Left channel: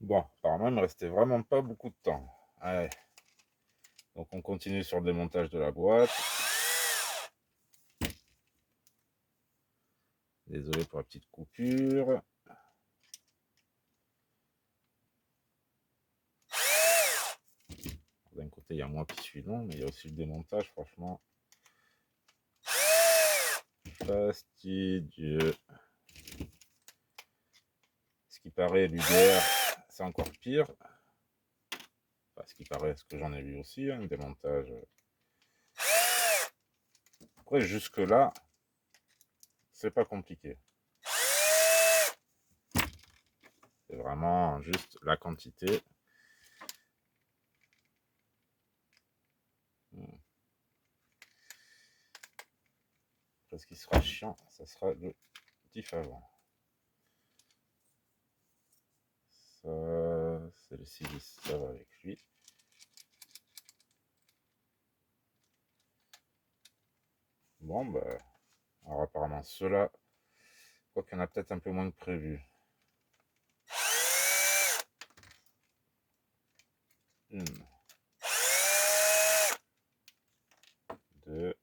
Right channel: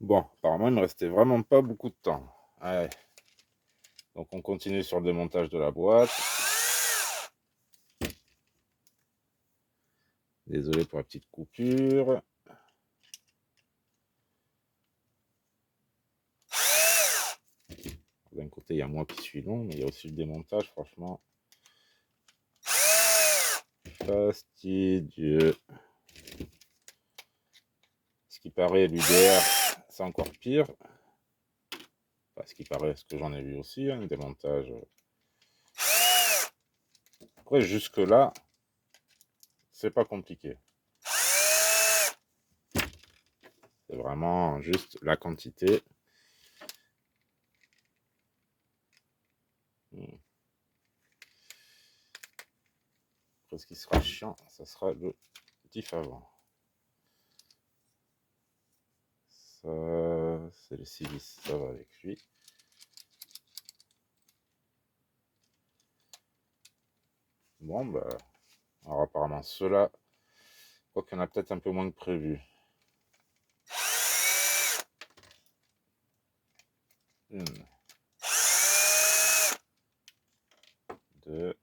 Bon, apparemment, il me restait vraiment pas beaucoup de temps. Allez, donc on continue sur le démontage de la boîte. Désolé pour la petite coupure. D'un côté, il y a moi qui suis long, mais il y a aussi le démontage, franchement. Fastidieux. Ce qui paraît, l'UDR, c'est encore pire. Enfin, ce qui paraît, ce que j'en ai vu aussi, hein, démontage. Après, jusque-là, c'est pas compliqué. C'est vraiment juste la quantité. Après, ce qui sera chiant, ça sera le diff avant. Ça, c'est le 6, ça va avec lui. Bon, bah, alors apparemment, ceux-là, je crois qu'il y en a peut-être un peu moins que prévu. Une, deux,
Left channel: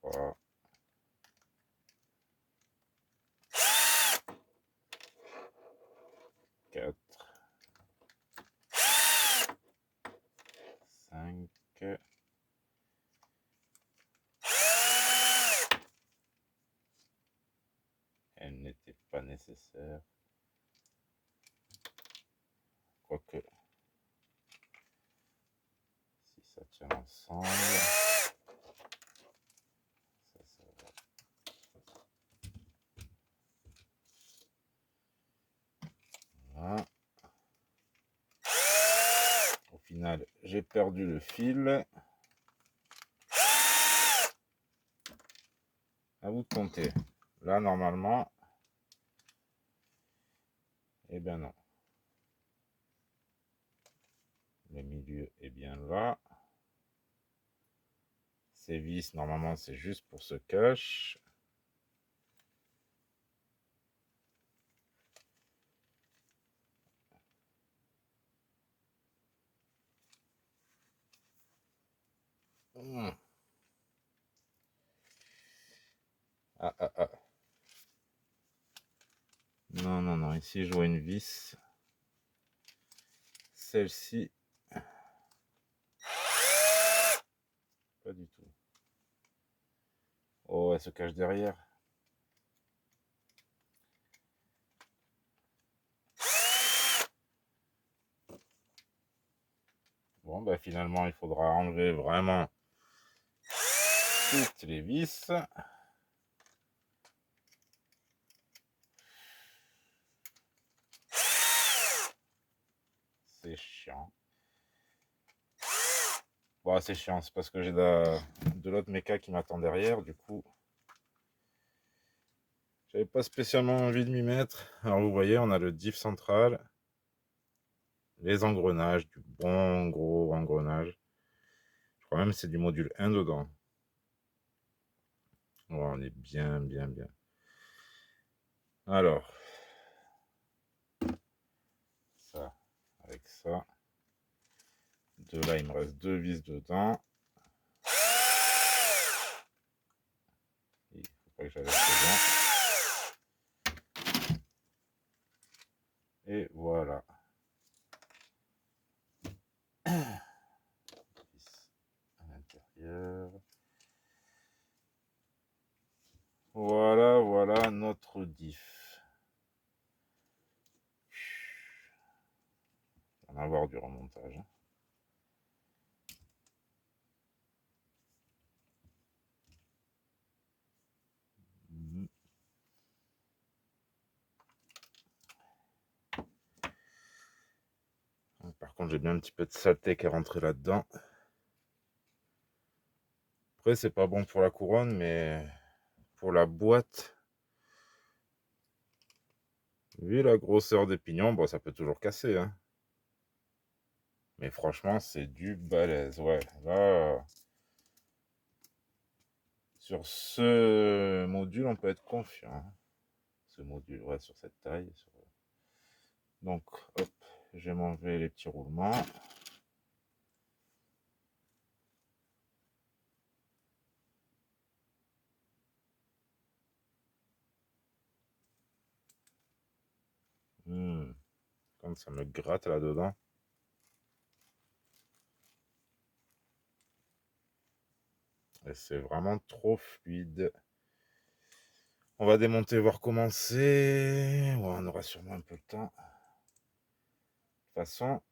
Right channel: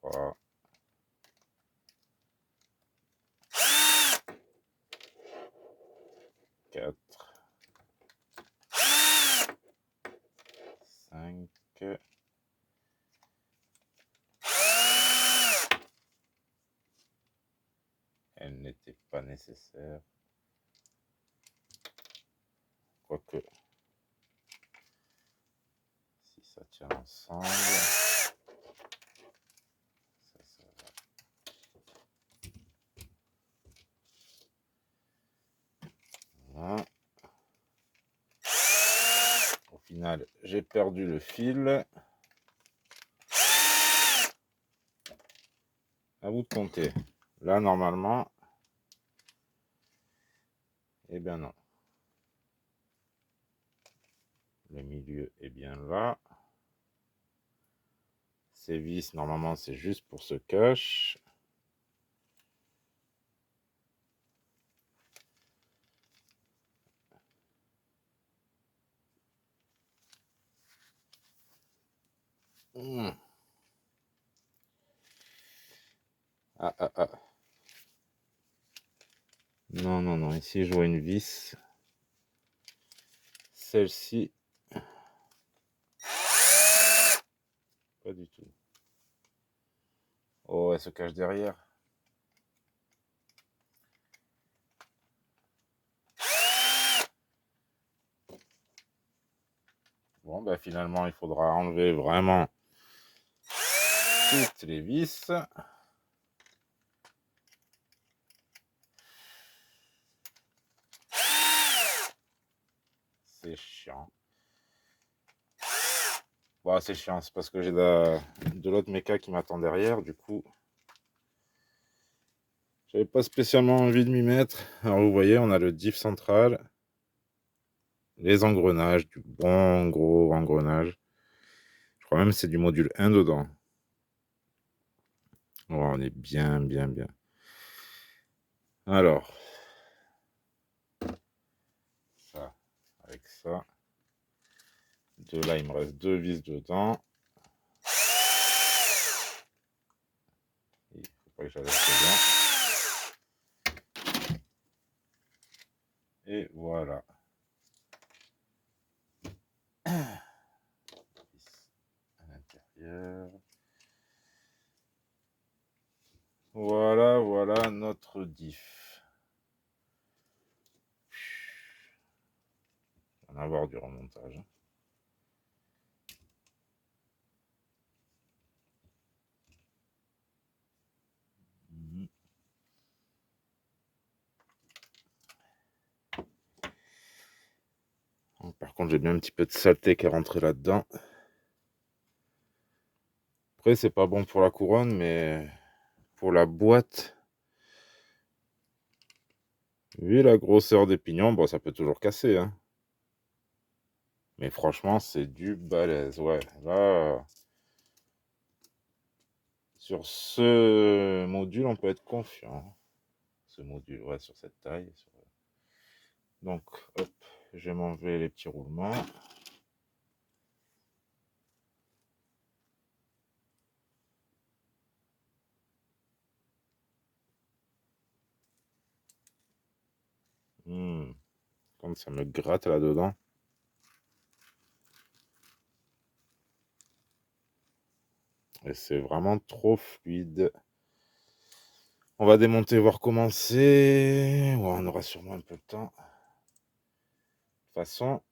trois, quatre, cinq. Elle n'était pas nécessaire. Quoique, si ça tient ensemble, ça va. Voilà. Au final, j'ai perdu le fil. À vous de compter. Là, normalement, eh bien non. Le milieu est bien là. Ces vis, normalement, c'est juste pour ce cache. Ah, ah, ah. Non, non, non. Ici, je vois une vis. Celle-ci, pas du tout. Oh, elle se cache derrière. Bon, ben finalement, il faudra enlever vraiment toutes les vis. C'est chiant. Bon, c'est chiant, c'est parce que j'ai de l'autre méca qui m'attend derrière, du coup. J'avais pas spécialement envie de m'y mettre. Alors vous voyez, on a le diff central, les engrenages, du bon gros engrenage. Je crois même que c'est du module 1 dedans. Oh, on est bien, bien, bien. Alors, ça, avec ça. De là, il me reste deux vis dedans. Il faut pas que j'aille dedans. Et voilà. Vis à l'intérieur. Voilà, voilà notre diff. Il va en avoir du remontage. Par contre, j'ai bien un petit peu de saleté qui est rentré là-dedans. Après, c'est pas bon pour la couronne, mais pour la boîte, vu la grosseur des pignons, bon, ça peut toujours casser. Hein. Mais franchement, c'est du balèze. Ouais, là, sur ce module, on peut être confiant. ce module, ouais, sur cette taille. Donc, hop, je vais m'enlever les petits roulements. Quand ça me gratte là-dedans. Et c'est vraiment trop fluide. On va démonter, voir comment c'est. Ouais, on aura sûrement un peu le temps. De toute façon,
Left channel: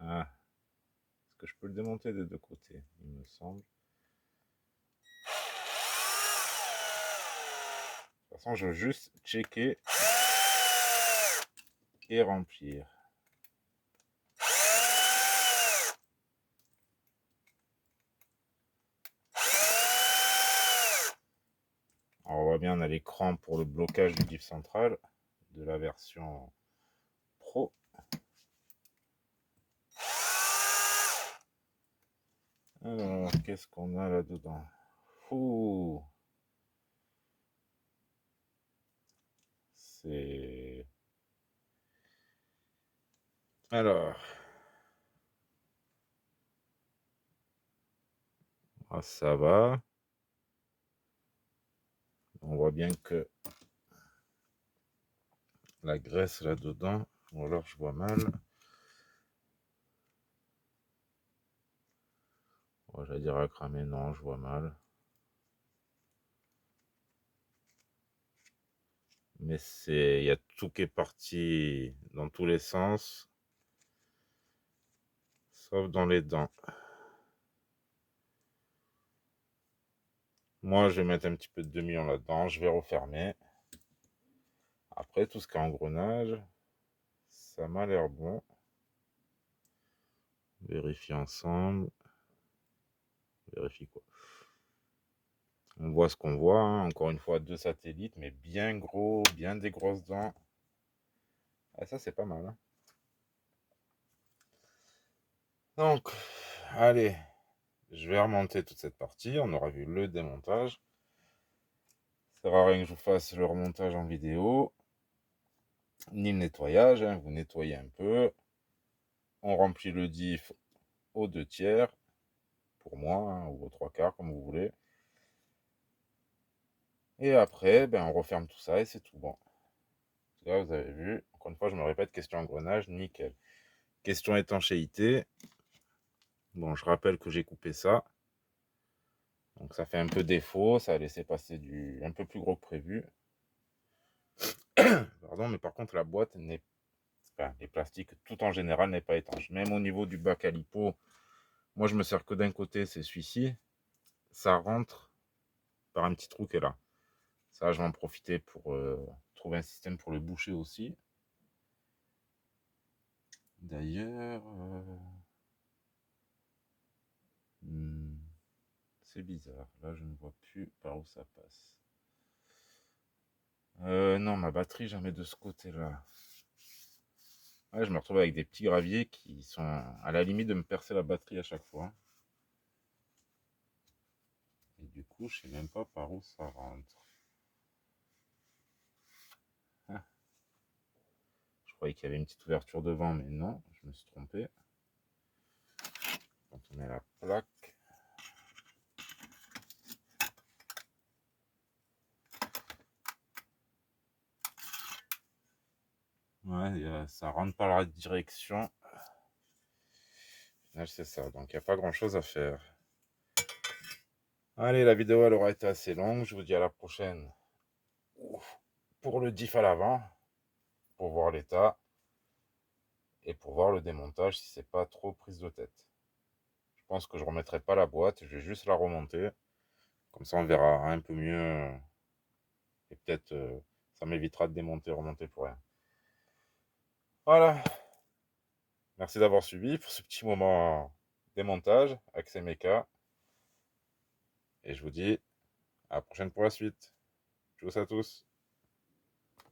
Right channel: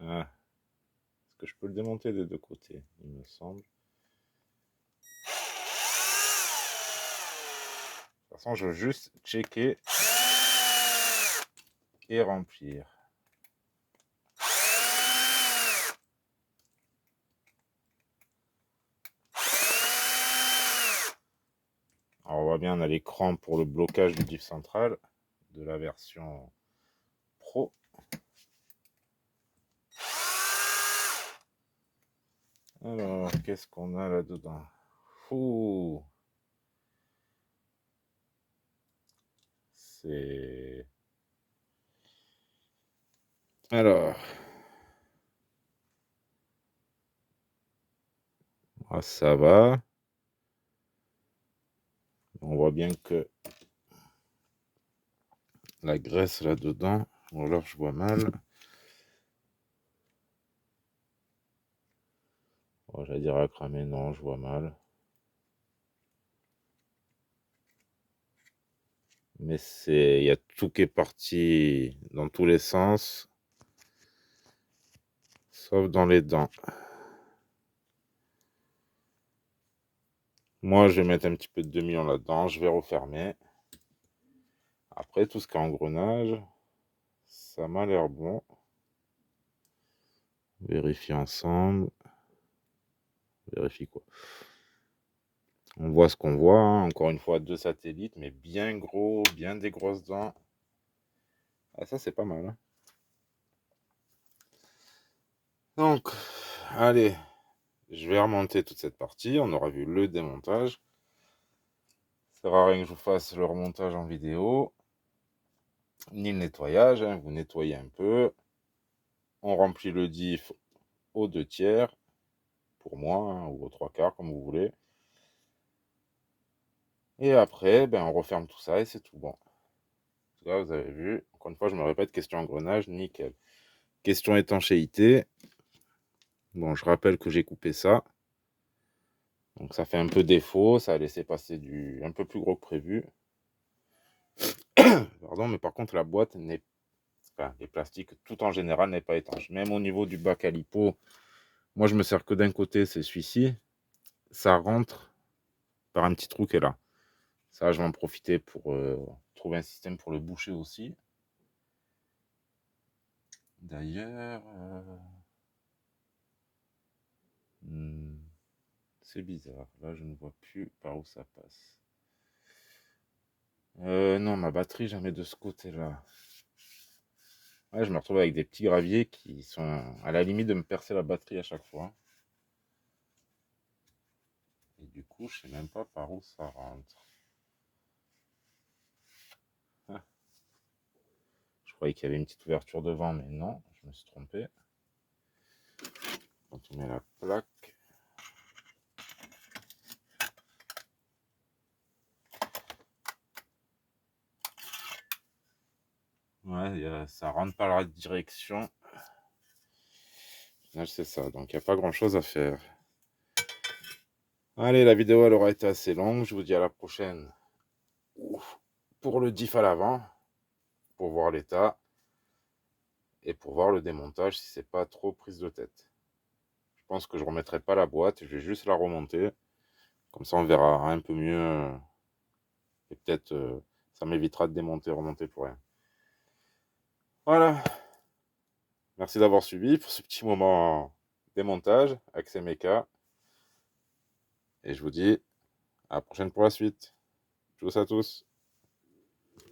est-ce que je peux le démonter des deux côtés, il me semble. De toute façon, je veux juste checker et remplir. Alors, on voit bien, on a l'écran pour le blocage du diff central de la version Pro. Alors, qu'est-ce qu'on a là-dedans? Ouh, c'est... Alors... Ah, ça va. On voit bien que la graisse là-dedans, ou alors je vois mal. Oh, j'allais dire à cramer, non, je vois mal. Mais il y a tout qui est parti dans tous les sens, sauf dans les dents. Moi, je vais mettre un petit peu de 2 millions là-dedans, je vais refermer. Après, tout ce qui est engrenage, ça m'a l'air bon. Vérifier ensemble. Vérifie quoi? On voit ce qu'on voit, hein. Encore une fois, 2 satellites, mais bien gros, bien des grosses dents. Ah, ça, c'est pas mal, hein. Donc, allez, je vais remonter toute cette partie. On aura vu le démontage. Ça sert à rien que je vous fasse le remontage en vidéo, ni le nettoyage, hein. Vous nettoyez un peu. On remplit le diff aux 2/3, pour moi, hein, ou aux 3/4, comme vous voulez. Et après, ben, on referme tout ça et c'est tout bon. En tout cas, vous avez vu, encore une fois, je me répète, question engrenage, nickel. Question étanchéité. Bon, je rappelle que j'ai coupé ça. Donc ça fait un peu défaut, ça a laissé passer un peu plus gros que prévu. Pardon, mais par contre, la boîte n'est enfin, les plastiques, tout en général, n'est pas étanche. Même au niveau du bac à lipo, moi, je me sers que d'un côté, c'est celui-ci. Ça rentre par un petit trou qui est là. Ça, je vais en profiter pour trouver un système pour le boucher aussi. D'ailleurs, c'est bizarre. Là, je ne vois plus par où ça passe. Non, ma batterie, j'en mets de ce côté-là. Ouais, je me retrouve avec des petits graviers qui sont à la limite de me percer la batterie à chaque fois. Et du coup, je sais même pas par où ça rentre. Ah, je croyais qu'il y avait une petite ouverture devant, mais non, je me suis trompé. Quand on met la plaque. Ouais, ça rentre par la direction. Au final, c'est ça. Donc, il n'y a pas grand-chose à faire. Allez, la vidéo, elle aura été assez longue. Je vous dis à la prochaine pour le diff à l'avant, pour voir l'état et pour voir le démontage si c'est pas trop prise de tête. Je pense que je ne remettrai pas la boîte. Je vais juste la remonter. Comme ça, on verra un peu mieux. Et peut-être, ça m'évitera de démonter, remonter pour rien. Voilà. Merci d'avoir suivi pour ce petit moment démontage avec ces mechas. Et je vous dis à la prochaine pour la suite. Tchuss à tous.